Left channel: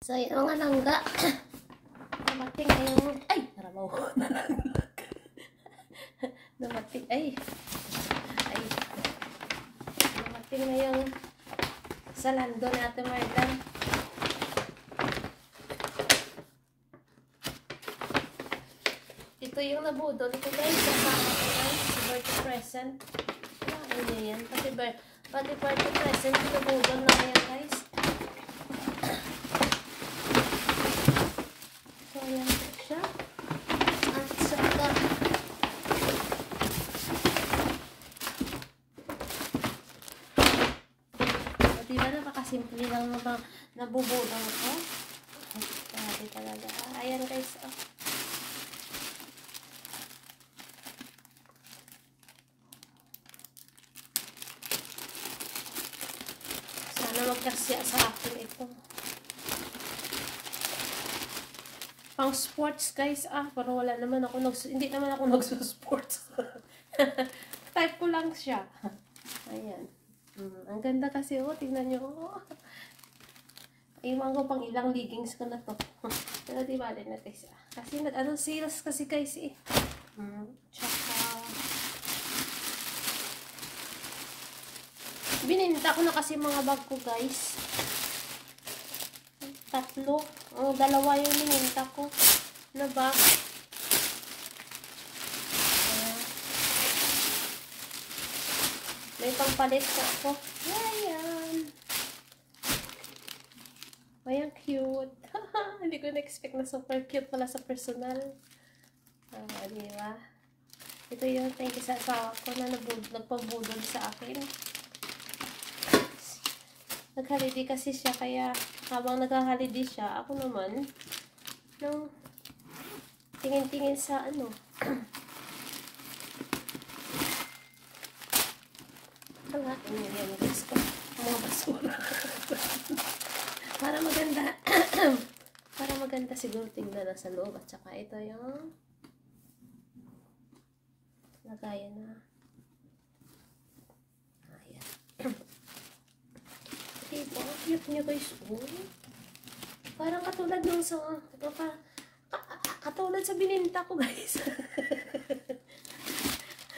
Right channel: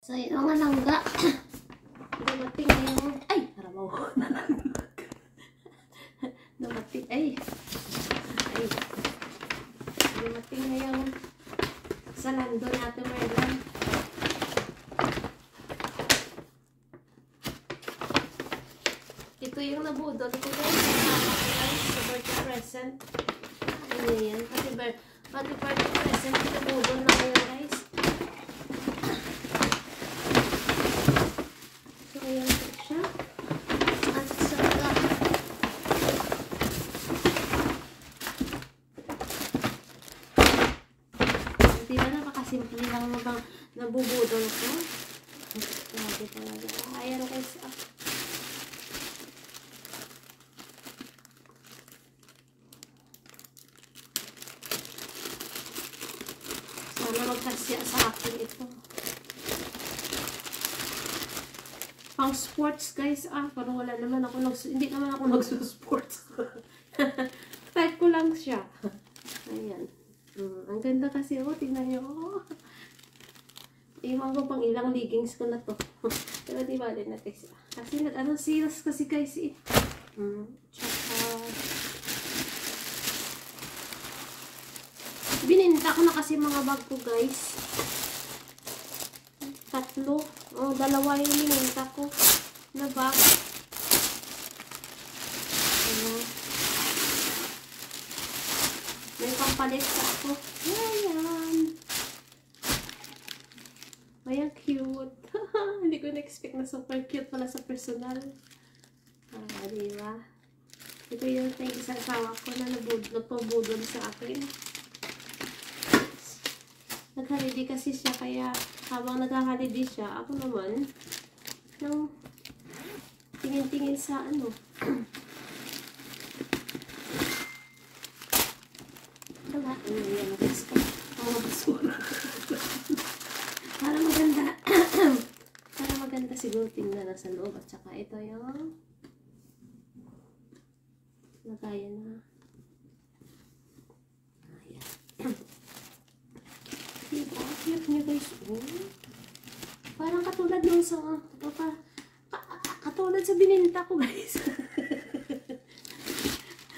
So, yun mga langga. Dumating ngayong... Ay! Harabaw. Dumating... Ay! Ay! Dumating ngayong sa lando natin, Merlan. Ito yung nabudol ko guys. Birthday present. Ano yan? Birthday present. Nabudol na kayo guys. So, ayan siya. At saka di ba napakasimple lang mga nabubudol ko? Grabe talaga. Ayan guys. Sana magkasya sa akin ito. Pang sports guys. Parang wala naman ako hindi naman ako nagsusports. Type ko lang siya. Ayan. Ang ganda kasi tignan nyo. Iwan ko pang ilang leggings ko na to. Pero di bali na guys. Kasi sales kasi guys eh. Tsaka bininta ko na kasi mga bag ko guys. 3. Dalawa yung bininta ko. Ano ba? Ayan. May pampalit sa ako. Ayan. Ayan, cute. Hindi ko na-expect na super cute pala sa personal. Diba? Ito yung thank you sa asawa ko na nagpabudol sa akin. Nag-holiday kasi siya, kaya habang nag-holiday siya, ako naman nang tingin-tingin sa ano. Wala, yan guys ko. Para maganda. Para maganda siguro tingnan na sa loob. At saka ito yung lagayan na. Ayan. Diba? Cute nyo guys. Parang katulad nung sa... Katulad sa bininta ko guys.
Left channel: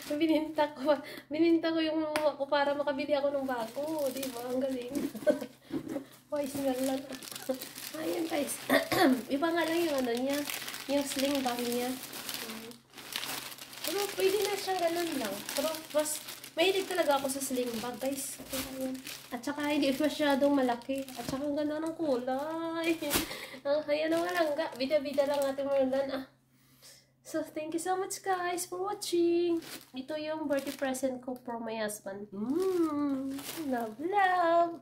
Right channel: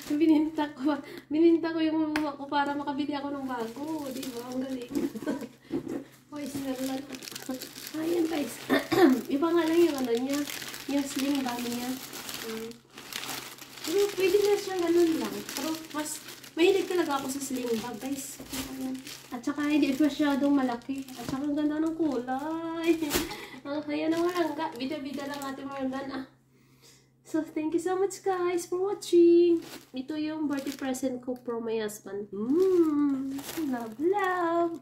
Bininta ko yung lumuwa ko para makabili ako ng bago. Diba? Ang galing. Wise nga lang. Ayan guys. Iba nga lang yung ano niya. Yung sling bag niya. Pero pwede na siya ganun lang. Pero mas mahilig talaga ako sa sling bag guys. At saka hindi masyadong malaki. At saka ang ganda ng kulay. Kaya na malangga. Bida-bida lang ating Merlan. So, thank you so much guys for watching. Ito yung birthday present ko for my husband. Love, love!